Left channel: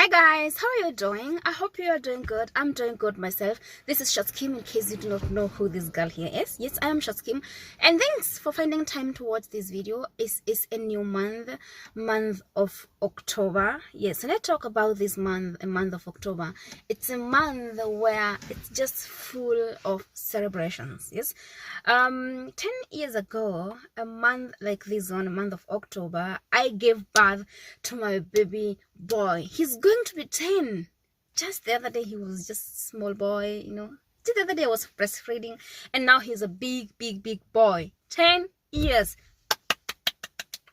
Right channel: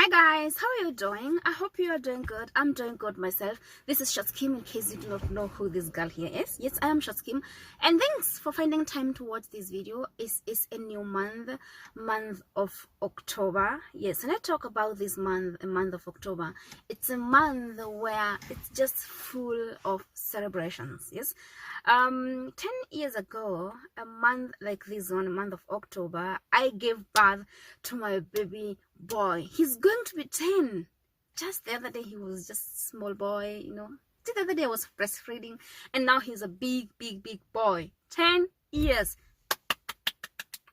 Hi guys, how are you doing? I hope you are doing good. I'm doing good myself. This is Shatskim, in case you do not know who this girl here is. Yes, I am Shatskim, and thanks for finding time to watch this video. It's a new month of October. Yes, and I talk about this month, a month of October. It's a month where it's just full of celebrations. Yes, 10 years ago, a month like this one, a month of October, I gave birth to my baby boy. He's going to be 10. Just the other day he was just a small boy, just the other day I was breastfeeding, and now he's a big boy. 10 years.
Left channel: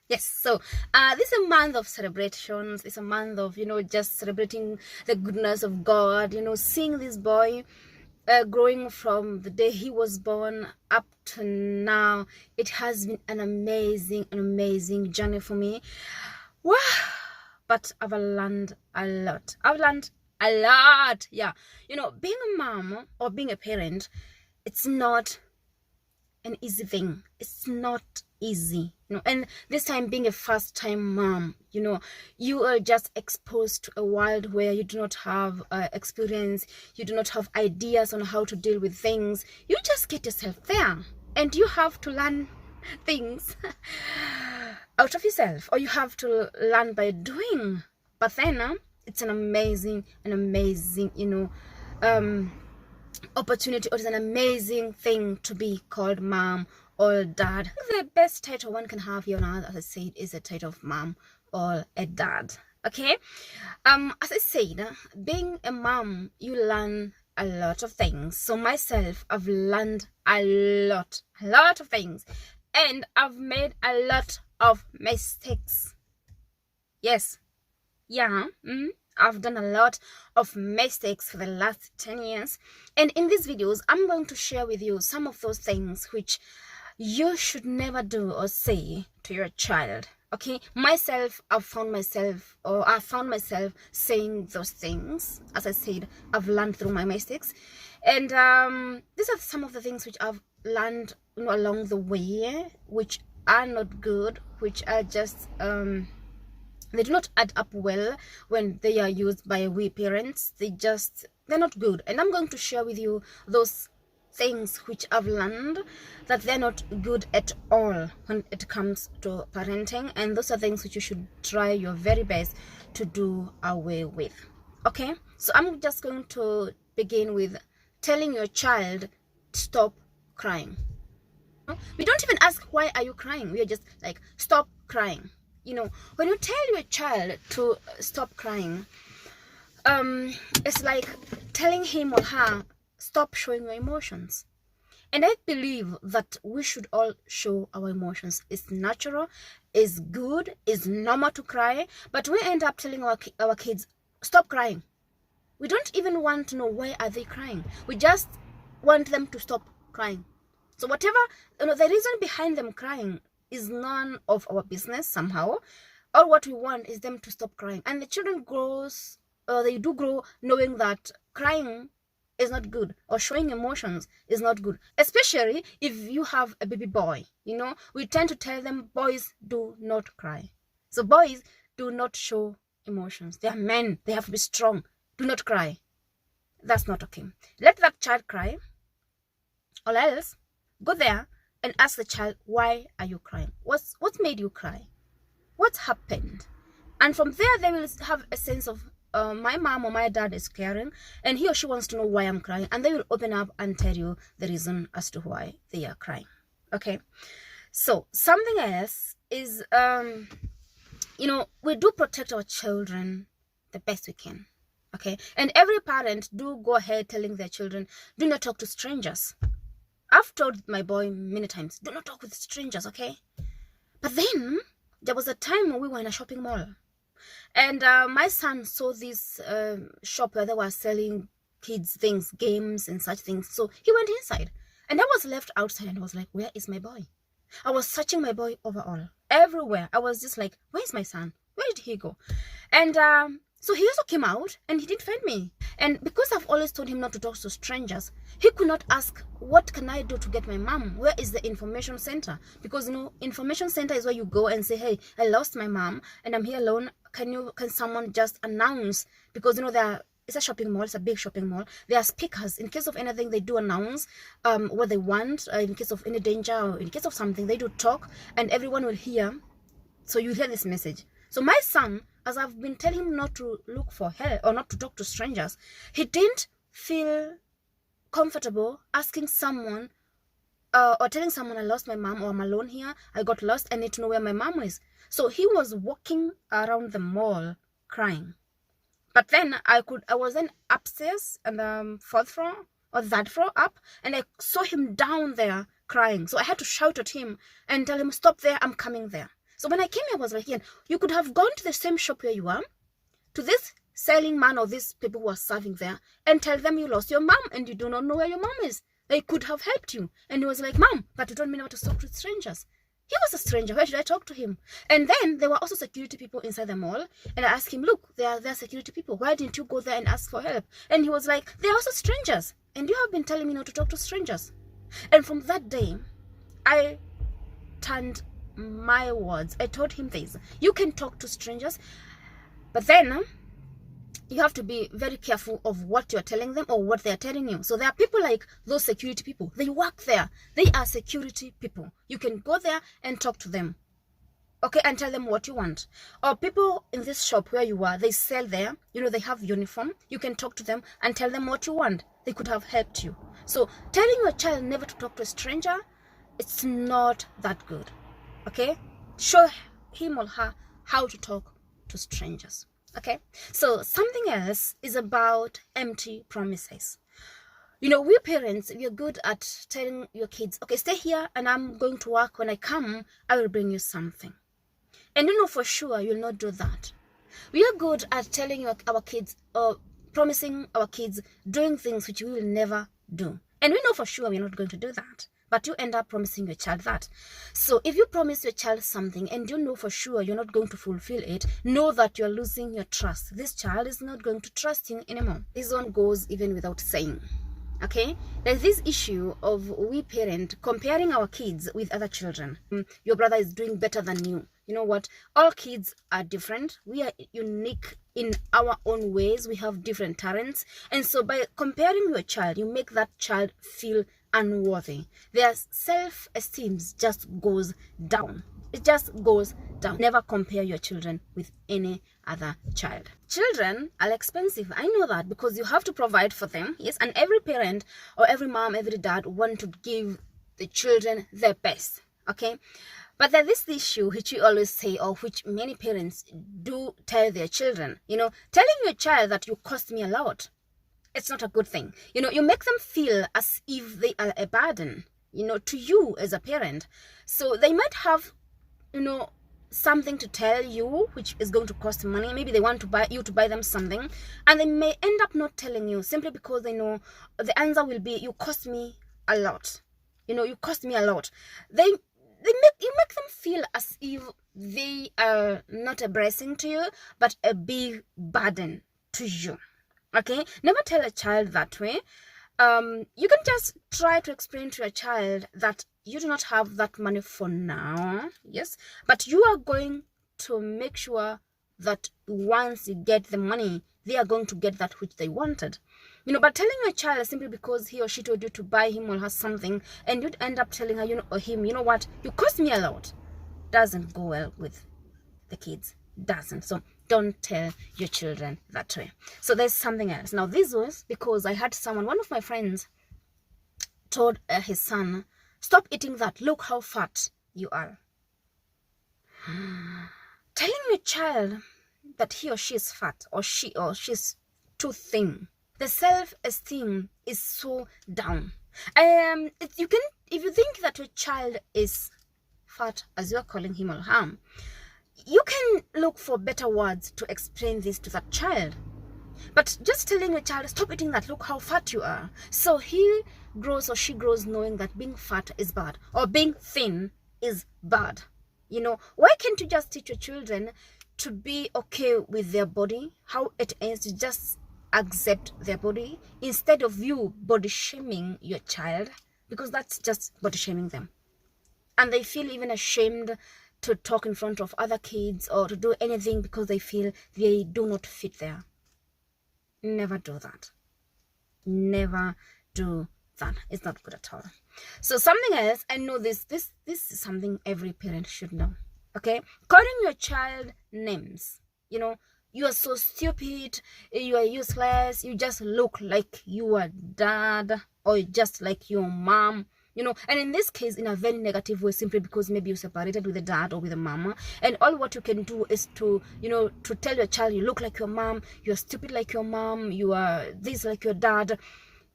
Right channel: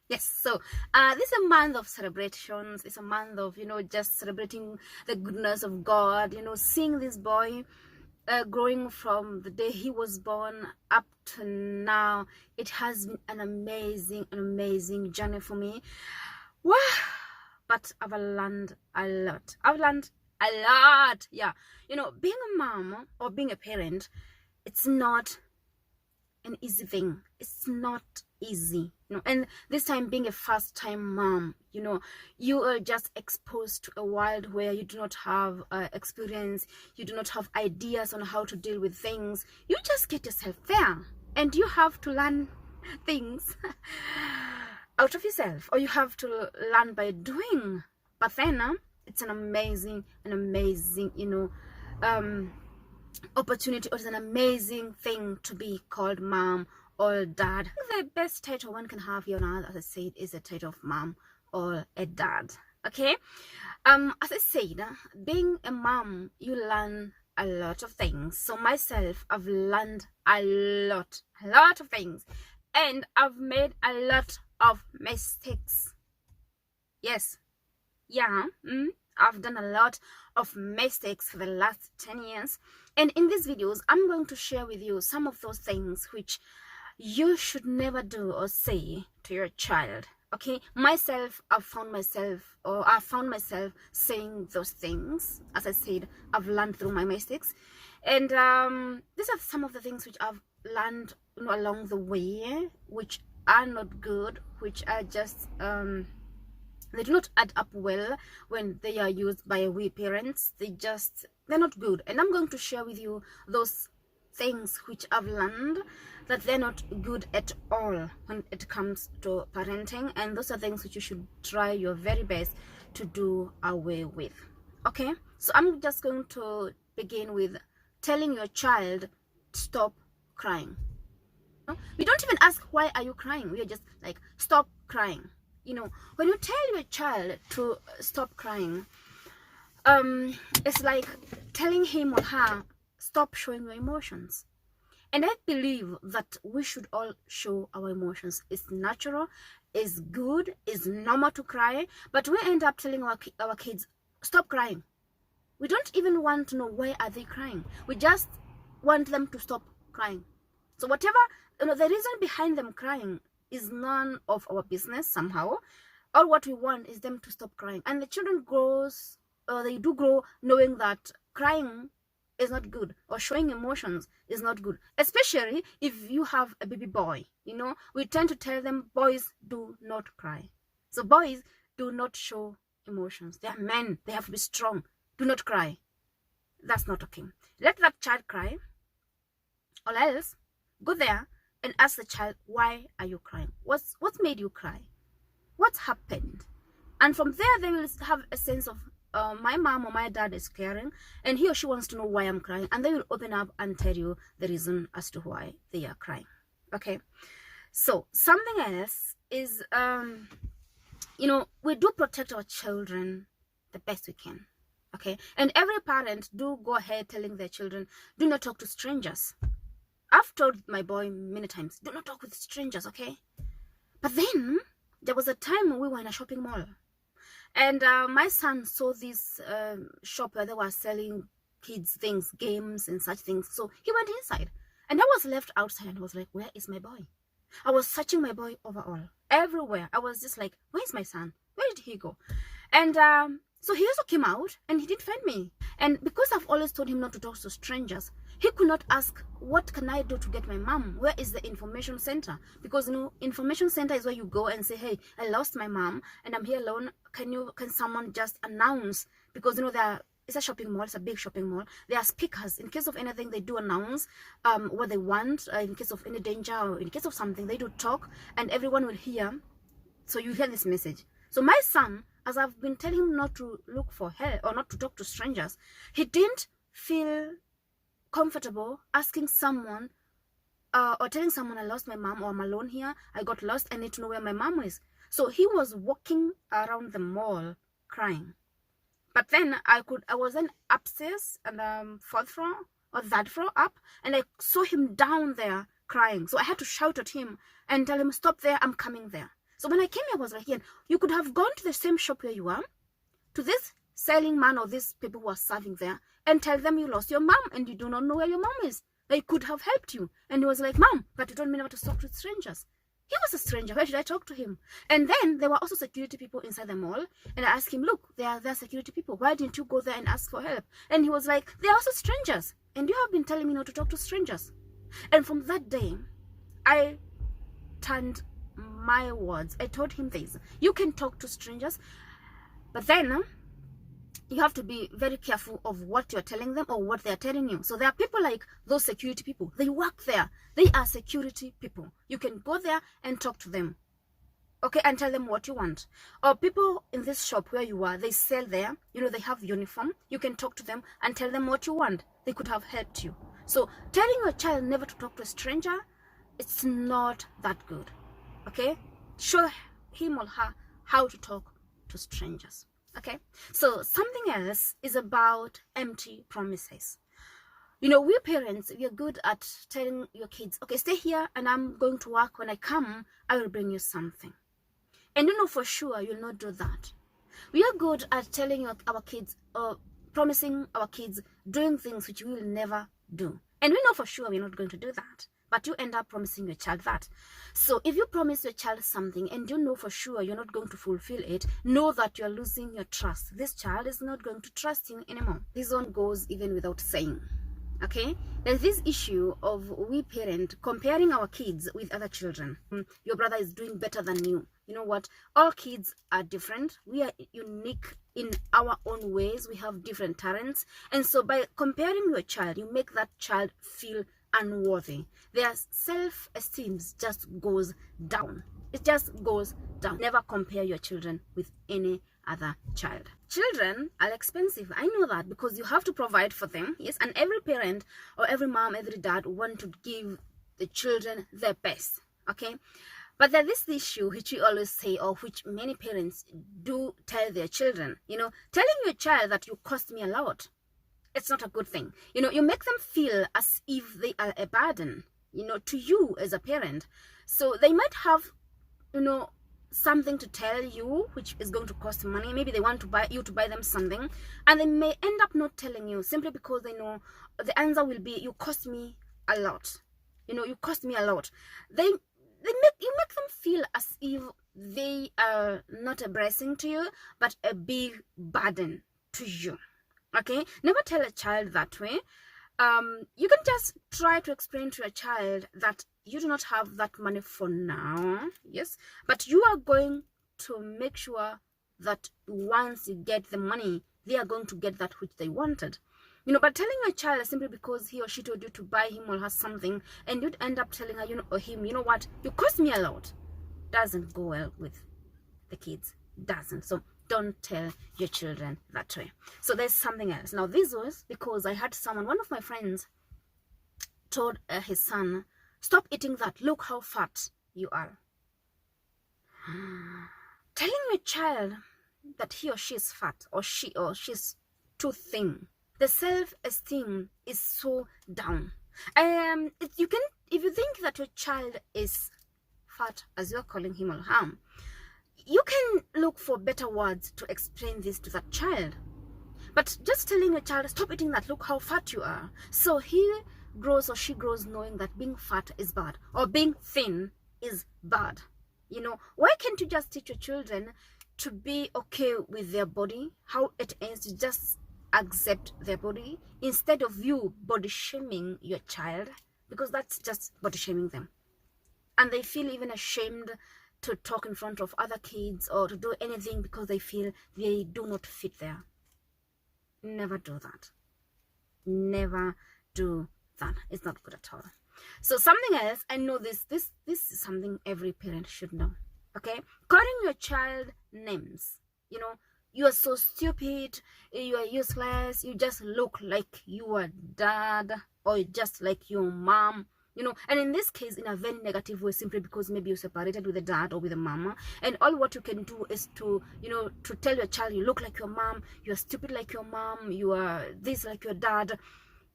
Yes, so this is a month of celebrations. It's a month of just celebrating the goodness of God, seeing this boy growing from the day he was born up to now. It has been an amazing journey for me. Wow. But I've learned a lot. Yeah. Being a mom or being a parent, it's not an easy thing. It's not easy. And this time, being a first-time mom, you are just exposed to a world where you do not have experience. You do not have ideas on how to deal with things. You just get yourself there, and you have to learn things out of yourself, or you have to learn by doing. But then it's an amazing opportunity, or it's an amazing thing to be called mom or dad. The best title one can have here on earth, as I said, is a title of mom or a dad. Okay, as I said, being a mom, you learn a lot of things. So myself, I've learned a lot of things, and I've made a lot of mistakes. Yes, yeah, I've done a lot of mistakes for the last 10 years, and in these videos I'm going to share with you some of those things which you should never do or say to your child. Okay, I found myself saying those things. As I said, I've learned through my mistakes, and these are some of the things which I've learned along the way, which are not good, which are just they do not add up well when they are used by we parents. They're not good, and I'm going to share with you those things which I've learned that they're not good at all when it comes to parenting, and those are things which you should try your very best to do away with. Okay, so I'm just going to begin with telling your child to stop crying. We don't even ask, why are you crying? We are just like, stop crying. When you tell your child to stop crying, it's like telling him or her, stop showing your emotions. And I believe that we should all show our emotions. It's natural, it's good, it's normal to cry, but we end up telling our kids, stop crying. We don't even want to know why are they crying. We just want them to stop crying. So whatever, the reason behind them crying is none of our business somehow. All what we want is them to stop crying. And the children they do grow knowing that crying is not good, or showing emotions is not good. Especially if you have a baby boy, we tend to tell them, boys do not cry. So boys do not show emotions. They are men. They have to be strong. Do not cry. That's not okay. Let that child cry, or else go there and ask the child, why are you crying? What made you cry? What happened? And from there, they will have a sense of, my mom or my dad is caring, and he or she wants to know why I'm crying, and they will open up and tell you the reason as to why they are crying. Okay, so something else is, we do protect our children the best we can. Okay, and every parent do go ahead telling their children, do not talk to strangers. I've told my boy many times, do not talk with strangers, okay? But then there was a time when we were in a shopping mall, and my son saw this shop where they were selling kids things, games and such things. So he went inside, and I was left outside, and I was like, where is my boy? I was searching my boy overall, everywhere. I was just like, where's my son? Where did he go? And so he also came out, and he didn't find me. And because I've always told him not to talk to strangers, he could not ask, what can I do to get my mom? Where is the information center? Because information center is where you go and say, hey, I lost my mom and I'm here alone. can someone just announce, because it's a shopping mall, it's a big shopping mall. There are speakers. In case of anything, they do announce what they want. In case of any danger or in case of something, they do talk, and everyone will hear. So you hear this message. So my son, as I've been telling him not to look for help or not to talk to strangers, he didn't feel comfortable asking someone or telling someone, I lost my mom, or I'm alone here, I got lost, I need to know where my mom is. So he was walking around the mall crying. But then I was then upstairs on the fourth floor or that floor up, and I saw him down there crying. So I had to shout at him and tell him, stop there, I'm coming there. So when I came here, I was like, yeah, you could have gone to the same shop where you are, to this selling man or these people who are serving there, and tell them you lost your mom and you do not know where your mom is. They could have helped you. And he was like, Mom, but you told me never to talk to strangers. He was a stranger. Where should I talk to him? And then there were also security people inside the mall. And I asked him, look, there are security people. Why didn't you go there and ask for help? And he was like, they are also strangers. And you have been telling me not to talk to strangers. And from that day, I turned my words. I told him this. You can talk to strangers, but then you have to be very careful of what you're telling them or what they're telling you. So there are people like those security people. They work there. They are security people. You can go there and talk to them, okay, and tell them what you want. Or people in this shop where you are, they sell there. They have uniform. You can talk to them and tell them what you want. They could have helped you. So telling your child never to talk to a stranger, it's not that good, okay? Show him or her how to talk to strangers. Okay, so something else is about empty promises. We parents, we are good at telling your kids, okay, stay here and I'm going to work. When I come, I will bring you something. And for sure you'll not do that. We are good at telling our kids, or promising our kids doing things which we will never do. And we know for sure we're not going to do that. But you end up promising your child that. So if you promise your child something and you know for sure you're not going to fulfill it, know that you're losing your trust. This child is not going to trust you anymore. This one goes even without saying. Okay, there's this issue of we parent comparing our kids with other children. Your brother is doing better than you. You know what? All kids are different. We are unique in our own ways. We have different talents. And so by comparing your child, you make that child feel unworthy. Their self-esteem just goes down. It just goes down. Never compare your children with any other child. Children are expensive. I know that, because you have to provide for them. Yes, and every parent or every mom, every dad want to give the children their best. Okay, but there's this issue which we always say, or which many parents do tell their children. Telling your child that you cost me a lot, it's not a good thing. You make them feel as if they are a burden, to you as a parent. So they might have, something to tell you which is going to cost money. Maybe they want to buy them something, and they may end up not telling you simply because they know the answer will be, you cost me a lot. You cost me a lot. You make them feel as if they are not a blessing to you, but a big burden to you. Okay, never tell a child that way. You can just try to explain to your child that you do not have that money for now, yes, but you are going to make sure that once you get the money, they are going to get that which they wanted. But telling a child simply because he or she told you to buy him or her something, and you'd end up telling her, or him, what, you cost me a lot, doesn't go well with the kids. Doesn't. So don't tell your children that way. So there's something else. Now this was because I had one of my friends told his son, stop eating that, look how fat you are. Telling your child that he or she is fat, or she's too thin, the self-esteem is so down. If you think that your child is fat, as you're calling him or her, you can look for better words to explain this to that child. But just telling a child, stop eating that, look how fat you are. So he grows or she grows knowing that being fat is bad, or being thin is bad. Why can't you just teach your children to be okay with their body, how it is, to just accept their body, instead of you body shaming your child, because that's just body shaming them. And they feel even ashamed to talk in front of other kids or to do anything because they feel they do not fit there. Never do that. Never do that. It's not good at all. So something else, I know this is something every parent should know. Okay, calling your child names. You know, you are so stupid, you are useless, you just look like your dad or just like your mom. You know, and in this case, in a very negative way, simply because maybe you're separated with the dad or with the mama, and all what you can do is to, you know, to tell your child, you look like your mom, you're stupid like your mom, you are this like your dad.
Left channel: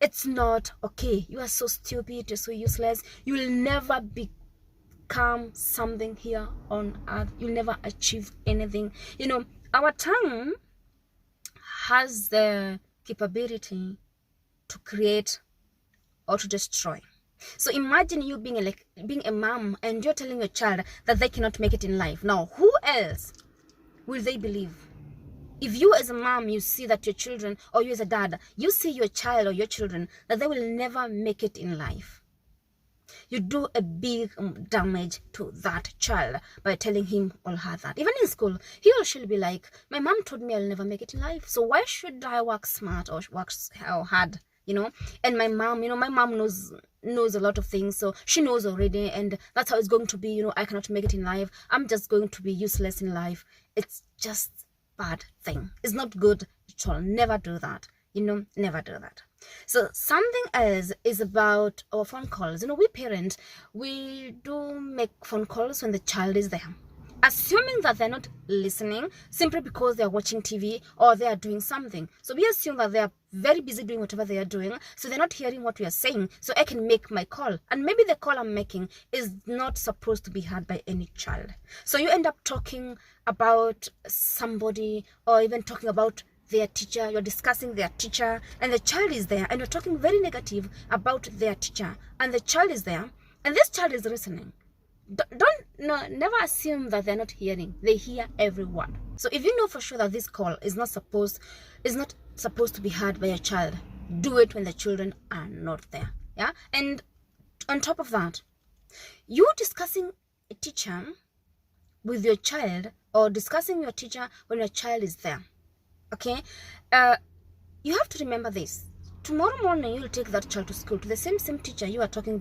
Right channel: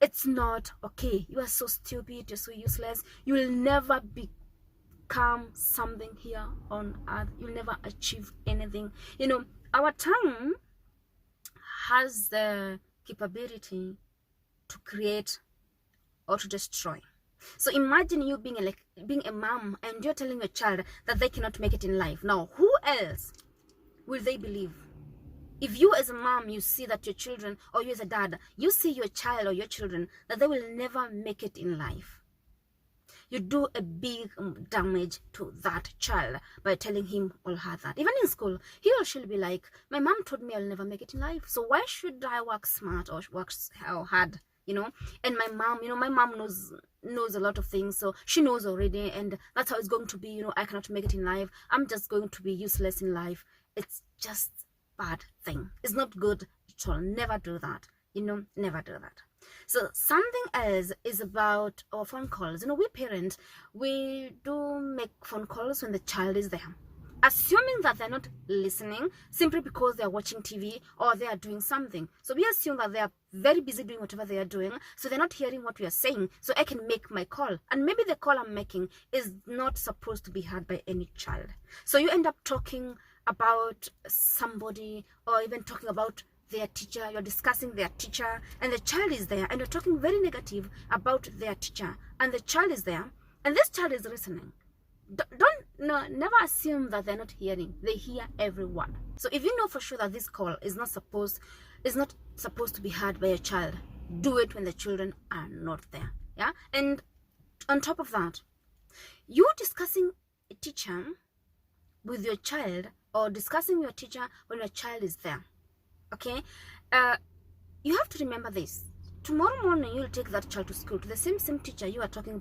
It's not okay. You are so stupid, you're so useless, you will never become something here on earth, you'll never achieve anything. You know, our tongue has the capability to create or to destroy. So imagine you being a mom and you're telling your child that they cannot make it in life. Now, who else will they believe? If you as a mom, you see that your children, or you as a dad, you see your child or your children that they will never make it in life, you do a big damage to that child by telling him or her that. Even in school, he or she will be like, my mom told me I'll never make it in life, so why should I work smart or work hard? You know, and my mom, you know, my mom knows a lot of things, so she knows already, and that's how it's going to be. You know, I cannot make it in life, I'm just going to be useless in life. It's just bad thing. It's not good at all. Never do that. You know, never do that. So something else is about our phone calls. You know, we parents, we do make phone calls when the child is there, assuming that they're not listening simply because they're watching TV or they are doing something. So we assume that they are very busy doing whatever they are doing, so they're not hearing what we are saying, so I can make my call. And maybe the call I'm making is not supposed to be heard by any child. So you end up talking about somebody or even talking about their teacher. You're discussing their teacher and the child is there, and you're talking very negative about their teacher and the child is there, and this child is listening. Never assume that they're not hearing. They hear every word. So if you know for sure that this call is not supposed to be heard by a child, do it when the children are not there. Yeah. And on top of that, you discussing a teacher with your child or discussing your teacher when your child is there, okay, you have to remember this. Tomorrow morning you'll take that child to school, to the same teacher you are talking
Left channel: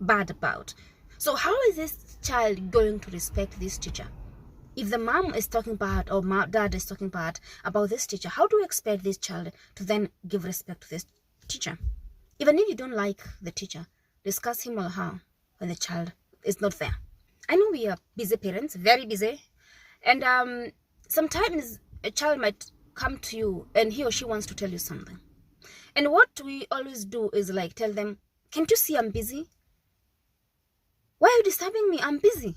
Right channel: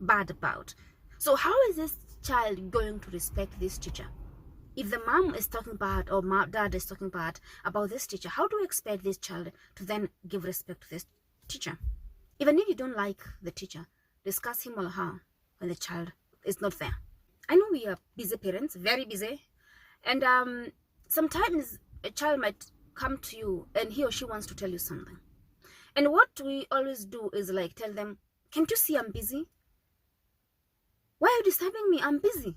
bad about. So how is this child going to respect this teacher? If the mom is talking bad or dad is talking bad about this teacher, how do you expect this child to then give respect to this teacher? Even if you don't like the teacher, discuss him or her when the child is not there. I know we are busy parents, very busy, and sometimes a child might come to you and he or she wants to tell you something. And what we always do is like tell them, can't you see I'm busy? Why are you disturbing me? I'm busy.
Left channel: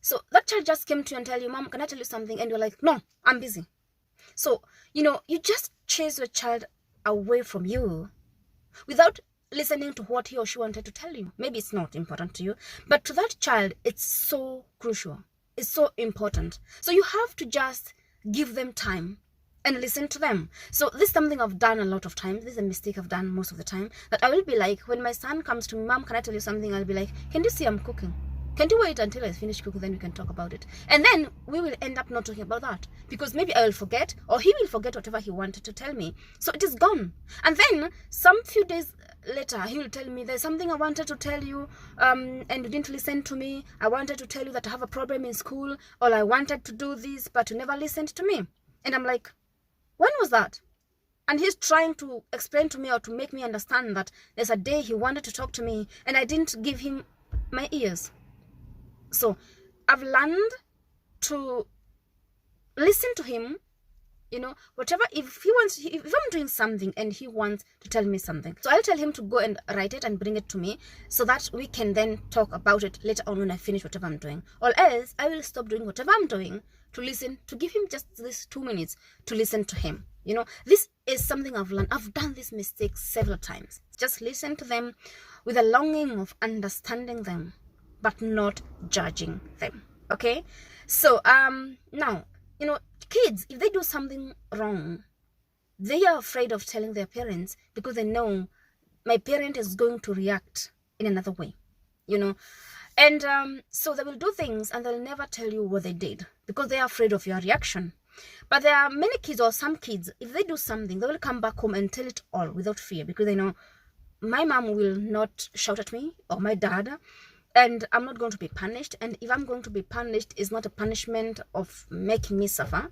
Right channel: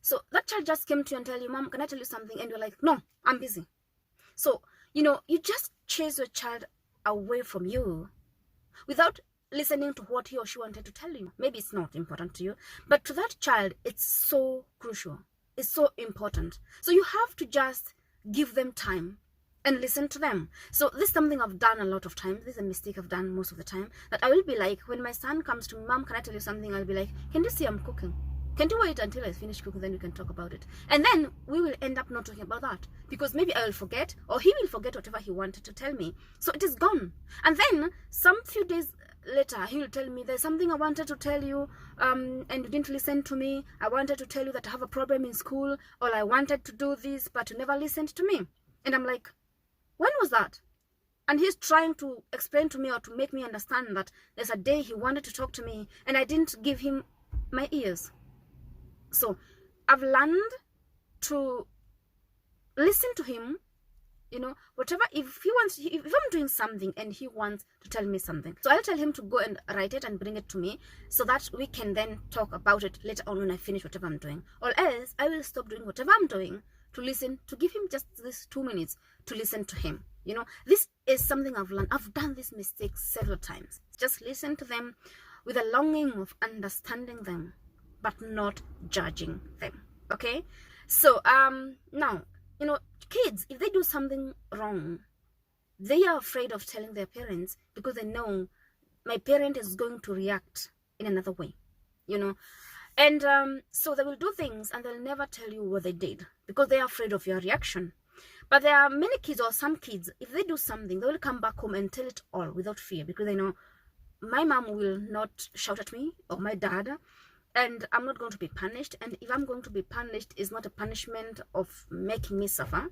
So that child just came to you and tell you, Mom, can I tell you something? And you're like, no, I'm busy. So, you know, you just chase your child away from you without listening to what he or she wanted to tell you. Maybe it's not important to you, but to that child, it's so crucial. It's so important. So you have to just give them time and listen to them. So this is something I've done a lot of times. This is a mistake I've done most of the time, that I will be like, when my son comes to me, Mom, can I tell you something? I'll be like, can you see I'm cooking? Can you wait until I finish cooking, then we can talk about it? And then we will end up not talking about that, because maybe I will forget, or he will forget whatever he wanted to tell me. So it is gone. And then some few days later, he will tell me, there's something I wanted to tell you, and you didn't listen to me. I wanted to tell you that I have a problem in school, or I wanted to do this, but you never listened to me. And I'm like, when was that? And he's trying to explain to me or to make me understand that there's a day he wanted to talk to me and I didn't give him my ears. So I've learned to listen to him, you know, whatever, if I'm doing something and he wants to tell me something, so I'll tell him to go and write it and bring it to me so that we can then talk about it later on when I finish whatever I'm doing. Or else I will stop doing whatever I'm doing to listen, to give him just this 2 minutes to listen to him. You know, this is something I've learned. I've done this mistake several times. Just listen to them with a longing of understanding them, but not judging them. Okay? So now, you know, kids, if they do something wrong, they are afraid of telling their parents because they know my parent is going to react in another way. You know, And so they will do things and they'll never tell you what they did because they're afraid of your reaction. But there are many kids, or some kids, if they do something, they will come back home and tell it all without fear, because they know my mom will not shout at me, or my dad, and I'm not going to be punished. And if I'm going to be punished, it's not a punishment of making me suffer.